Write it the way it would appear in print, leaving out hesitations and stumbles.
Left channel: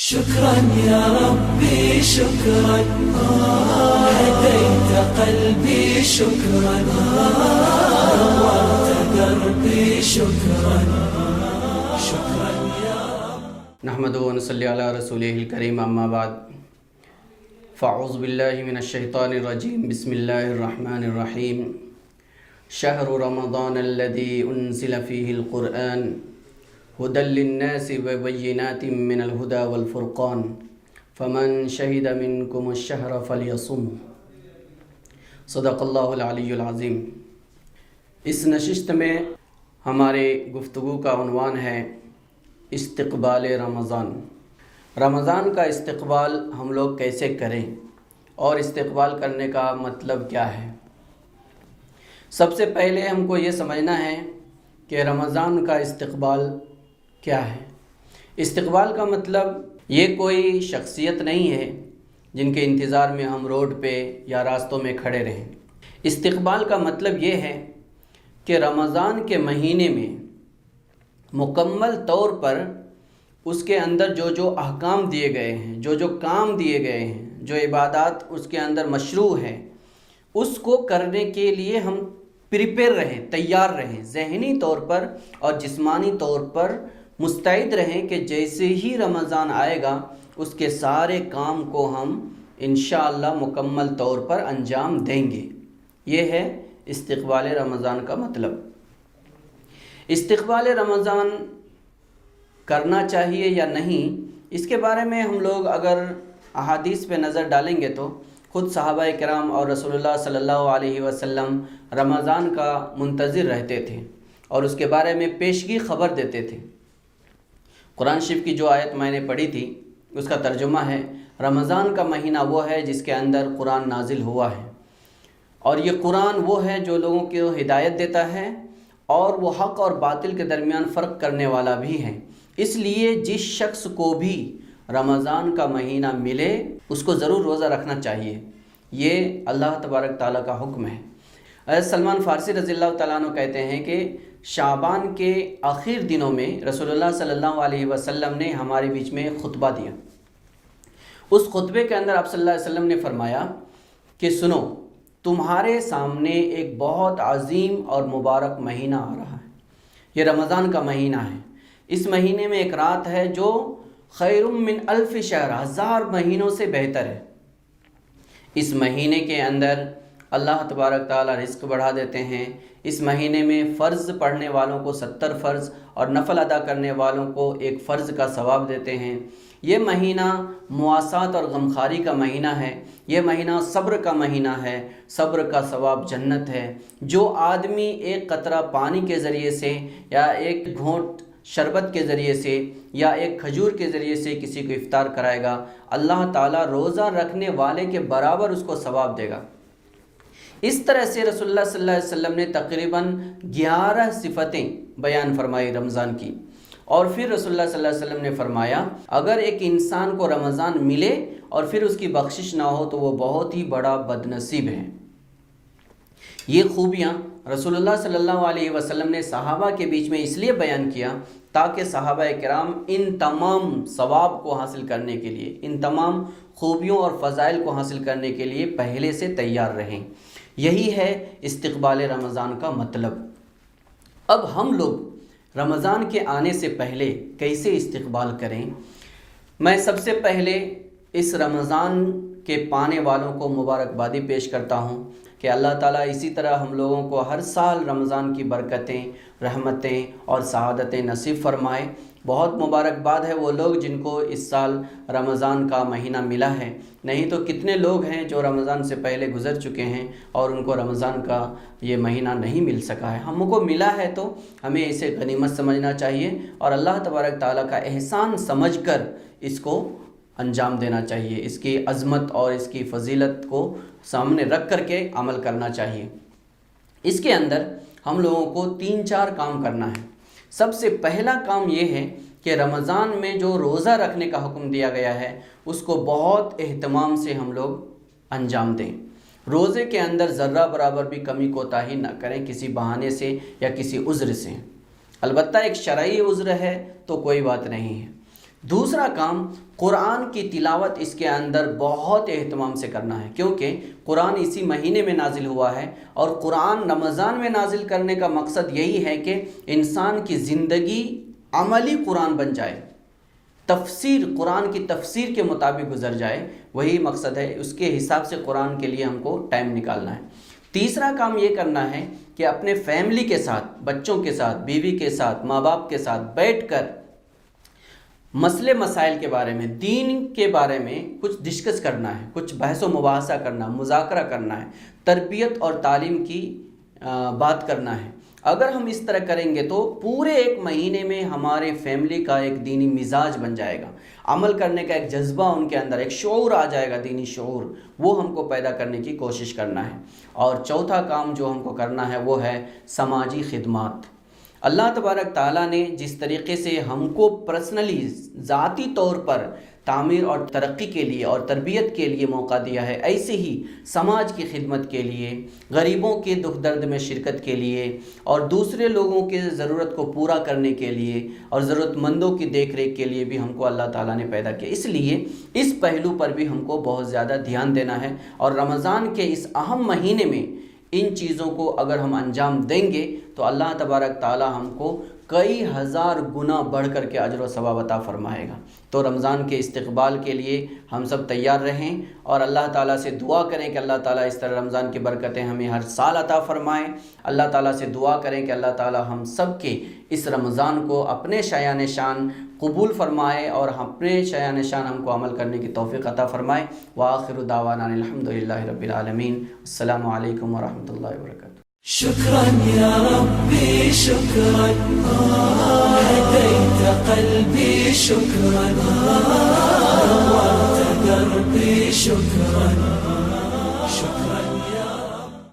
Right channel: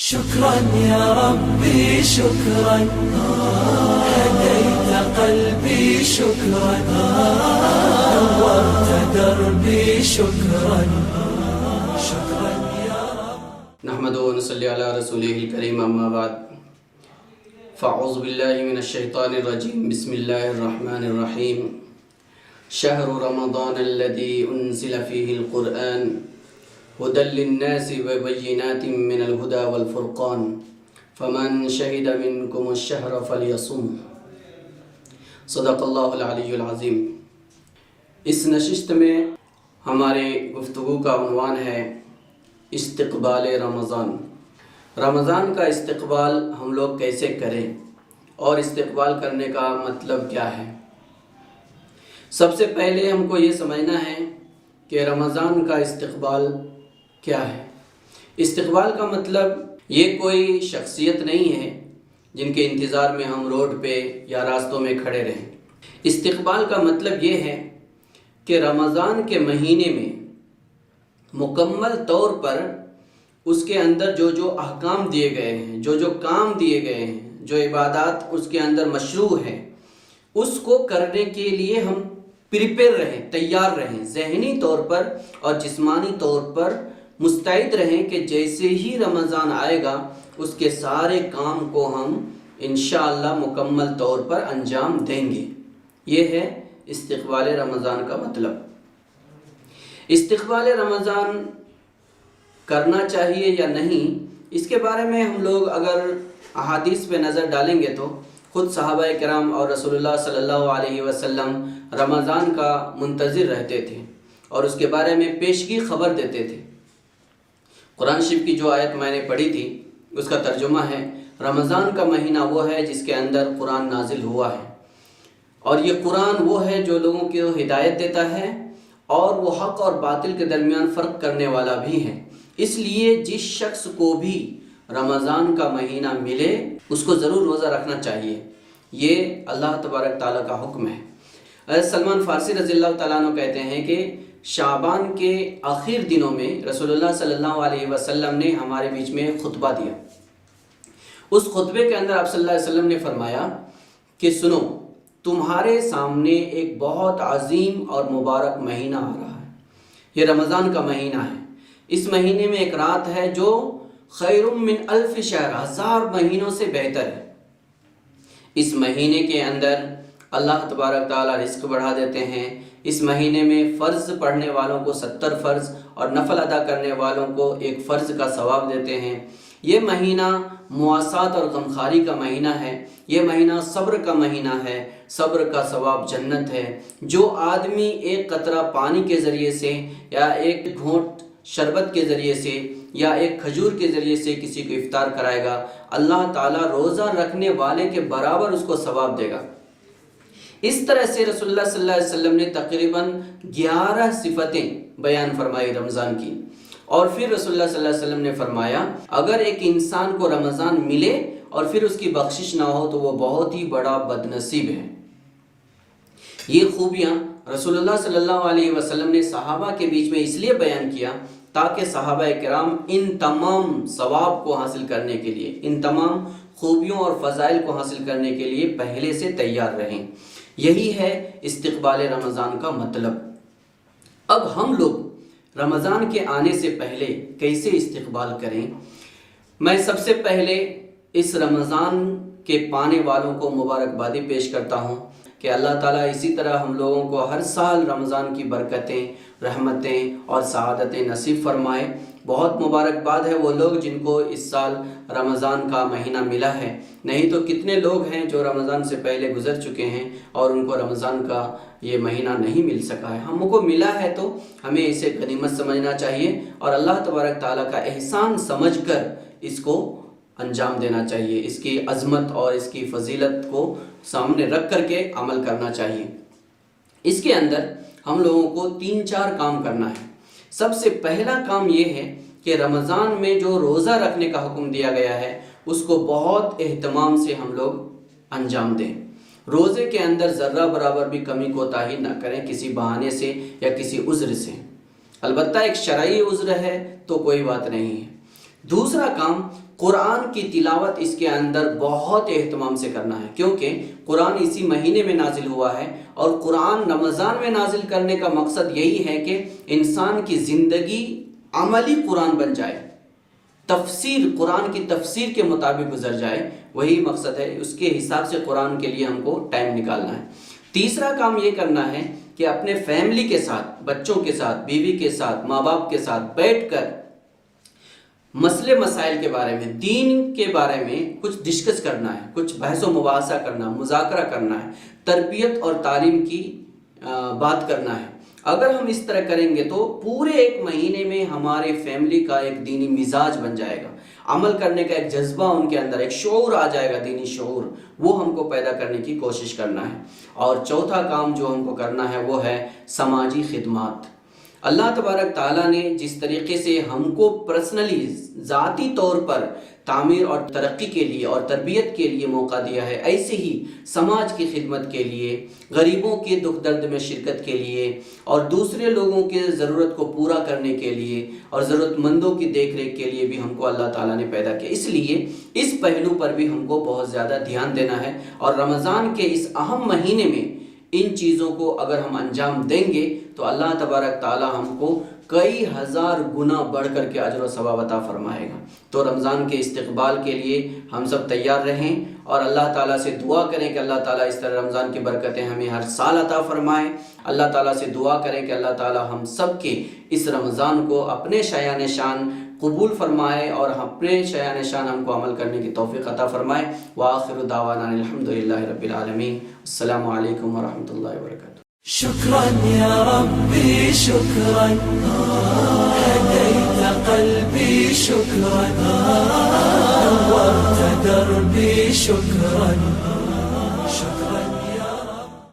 شكرا يا ربي شكرا هديت قلبي شكرا نورت دربي شكرا شكرا يا رب. نحمده ونصلي على رسوله الكريم اما بعد فاعوذ بالله من الشيطان الرجيم بسم الله الرحمن الرحيم شهر رمضان الذي انزل فيه القرآن هدى للناس وبينات من الهدى والفرقان فمن شهد منكم الشهر فليصم صدق اللہ العلی العظیم. اس نشست میں ہمارے گفتگو کا عنوان ہے استقبال رمضان. رمضان کا استقبال ہم لوگ کیسے کریں اور استقبال کرنے کا مطلب کیا ہے. سب سے پہلے ہم کو یہ سمجھنا ہے کہ رمضان کا استقبال کیا ہے. استقبال کا مطلب یہ کوئی شخصیت نہیں ہے جن کے انتظار میں ہم روڈ پہ یا راستوں میں کھڑے رہیں. استقبال کا مطلب یہ ہے کہ رمضان کے مہینے میں مکمل طور پر اس کے اندر جو احکام دیے گئے ہیں، جو کام دیے گئے ہیں، جو عبادات اس کے اندر مشروع ہیں، اس کو کرنے کے لیے ہم پریپیئر رہیں، تیار رہیں، ذہنی طور پر اور جسمانی طور پر مستعد رہیں کہ جیسے ہی رمضان آئے گا اس کے سارے کام کو ہم انشاءاللہ مکمل طور پر انجام دیں گے. یہ ہے استقبال رمضان کا مطلب. استقبال رمضان کرنا چاہیے یا نہیں، اس کے بارے میں ہم لوگ اگر احادیث پہ نظر ڈالیں گے تو خود صحابہ کرام اور رسول اللہ صلی اللہ علیہ وسلم رمضان کا منتظر رہتے تھے اور اس کے بارے میں پیشگی خبر دیتے تھے. قرآن شریف کی جو آیت میں نے پڑھی تھی اس کا ترجمہ ہے رمضان کا مہینہ وہ ہے جس کے اندر قرآن نازل ہوا ہے، اور یہ قرآن وہ ہے جو لوگوں کو ہدایت دیتا ہے اور وہ حق اور باطل کے درمیان فرق کرنے والا بھی ہے. اس لیے جس شخص کو بھی رمضان کا مہینہ ملے اس کو ضرور روزہ رکھنا چاہیے. یہ اللہ تبارک تعالیٰ کا حکم ہے. حضرت سلمان فارسی رضی اللہ تعالیٰ عنہ کہتے ہیں کہ شعبان کے آخر دنوں میں رسول اللہ صلی اللہ علیہ وسلم نے ہمارے بیچ میں خطبہ دیا. اس خطبے کے اندر آپ صلی اللہ علیہ وسلم نے فرمایا کہ سنو، تمہارے سامنے ایک بہت عظیم اور مبارک مہینہ آ رہا ہے. یہ رمضان کا مہینہ ہے. اس مہینے میں ایک رات ہے جو خیر من الف شہر، 1000 مہینوں سے بہتر ہے. اس مہینے کے اندر اللہ تبارک تعالیٰ رزق بڑھا دیتے ہیں. اس مہینے میں فرض پڑھنے والوں کو 70 فرض اور نفل ادا کرنے والوں کو 1 فرض کا ثواب دیتے ہیں. یہ مہینہ مواسات اور غمخواری کا مہینہ ہے. یہ مہینہ صبر کا مہینہ ہے. صبر کا ثواب جنت ہے. جو آدمی ایک قطرہ پانی کے ذریعے سے یا ایک گھونٹ شربت کے ذریعے سے یا ایک کھجور کے ذریعے سے کسی کو افطار کرائے گا، اللہ تعالیٰ روزہ رکھنے والے کے برابر اس کو ثواب دے گا. اس طرح سے رسول اللہ صلی اللہ علیہ وسلم نے تقریباً 11 صفتیں بیان فرمائی رمضان کی. اور پھر رسول اللہ صلی اللہ علیہ وسلم نے فرمایا اگر ایک انسان کو رمضان ملے اور پھر اس کی بخشش نہ ہو تو وہ بہت ہی بڑا بدنصیب ہے. یہ خوبیاں رسول اللہ صلی اللہ علیہ وسلم نے صحابہ کے بیچ میں اس لیے بیان کیا تاکہ صحابہ کرام ان تمام ثواب کو حاصل کرنے کے لیے، ان تمام خوبیوں اور فضائل کو حاصل کرنے کے لیے پہلے سے تیار رہیں. یہی ہے استقبال رمضان کا مطلب. اب ہم لوگ رمضان کے آنے سے پہلے کیسے استقبال کریں؟ میں سب سے پہلے اس رمضان کے پانے والوں کو مبارکبادی پیش کرتا ہوں کہ اللہ تعالیٰ اسی طرح ہم لوگوں کو ہر سال رمضان کی برکتیں، رحمتیں اور سعادتیں نصیب فرمائے. بہت مبارکباد ہے وہ لوگ جن کو اس سال رمضان کا مہینہ ملا ہے. نہیں تو کتنے لوگ ہیں جو رمضان سے پہلے گزر چکے ہیں اور ان کو رمضان کا یہ مہینہ نہیں مل سکا ہے. ہم کو ملا ہے تو ہمیں اسے غنیمت سمجھنا چاہیے اور اللہ تبارک تعالیٰ کا احسان سمجھ کر اس کو انجام دینا چاہیے. اس کی عظمت اور اس کی فضیلت کو سامنے رکھ کر کے عمل کرنا چاہیے. اس کے اندر ہم لوگوں کو 3-4 کام کرنا ہے. سب سے پہلا کام یہ ہے کہ رمضان میں جو روزہ رکھنے کا حکم دیا گیا ہے اس کو بہت اہتمام سے ہم لوگ انجام دیں. روزے کے اندر ذرہ برابر بھی کمی کوتاہی نہ کریں کسی بہانے سے یا کسی عذر سے. البتہ ایک شرعی عذر ہے تو کوئی بات نہیں ہے. دوسرا کام قرآن کی تلاوت اس کے اندر بہت اہتمام سے کرنا ہے، کیونکہ قرآن اسی مہینے میں نازل ہوا ہے، اور قرآن رمضان میں نازل کرنے کا مقصد یہی ہے کہ انسان کی زندگی عملی قرآن بن جائے، تفسیر قرآن کی تفسیر کے مطابق گزر جائے، وہی مقصد ہے۔ اس کے حساب سے قرآن کے لیے ہم کو ٹائم نکالنا ہے۔ تیسرا کام یہ کرنا ہے کہ اپنے فیملی کے ساتھ، بچوں کے ساتھ، بیوی کے ساتھ، ماں باپ کے ساتھ بیٹھ کر مسئلے مسائل کے بارے میں، دین کے بارے میں کچھ ڈسکس کرنا ہے، کچھ بحث و مباحثہ کرنا، مذاکرہ کرنا ہے، تربیت اور تعلیم کی بات کرنا ہے۔ اگر ہم اس طرح کریں گے تو پورے ایک مہینے میں ہمارے فیملی کا ایک دینی مزاج بن جائے گا، عمل کرنے کا ایک جذبہ ان کے اندر، ایک شعور آ جائے گا، دینی شعور، وہ ہم کو پیدا کرنے کی کوشش کرنا ہے۔ اور چوتھا کام جو ہم کو کرنا ہے وہ ہے سماجی خدمات۔ اللہ تبارک تعالیٰ نے جس طریقے سے ہم کو پرسنلی، ذاتی طور پر تعمیر اور ترقی کے لیے اور تربیت کے لیے موقع دیا ہے، ایسے ہی سماج کی خدمت کے لیے، غریبوں کے دکھ درد میں شرکت کے لیے، اور دوسرے لوگوں کے ضرورت کو پورا کرنے کے لیے اور ضرورت مندوں کی دیکھ ریکھ کے لیے بھی ہم کو اللہ تعالیٰ نے پیدا کیا۔ اس لیے اس پہلو پر بھی ہم کو بہت زیادہ دھیان دینا ہے، اور رمضان کے اس اہم مہینے میں ان چیزوں کو اگر ہم انجام دیں گے تو اللہ تبارک تعالیٰ ہم کو کئی ہزار گنا بڑھ کر کے اجر و ثواب عطا فرمائے گا۔ تو رمضان کے استقبال کے لیے ہم سب تیار رہیں، اور اللہ تعالیٰ سے دعا کریں کہ اللہ تعالیٰ اس طرح رمضان کی برکتیں ہمیں ہر سال عطا فرمائیں۔ اللہ تعالیٰ سے دعا کریں کہ اللہ تعالیٰ ہم سب کے اس رمضان کو اپنے شایان شان قبول فرمائے، اور اپنے شایان شان ہم کو عمل کرنے کی توفیق عطا فرمائے۔ وآخر دعوانا الحمدللہ رب العالمین۔ السلام علیکم ورحمۃ اللہ وبرکاتہ۔ شكرا يا ربي شكرا، هديت قلبي شكرا، نورت دربي شكرا،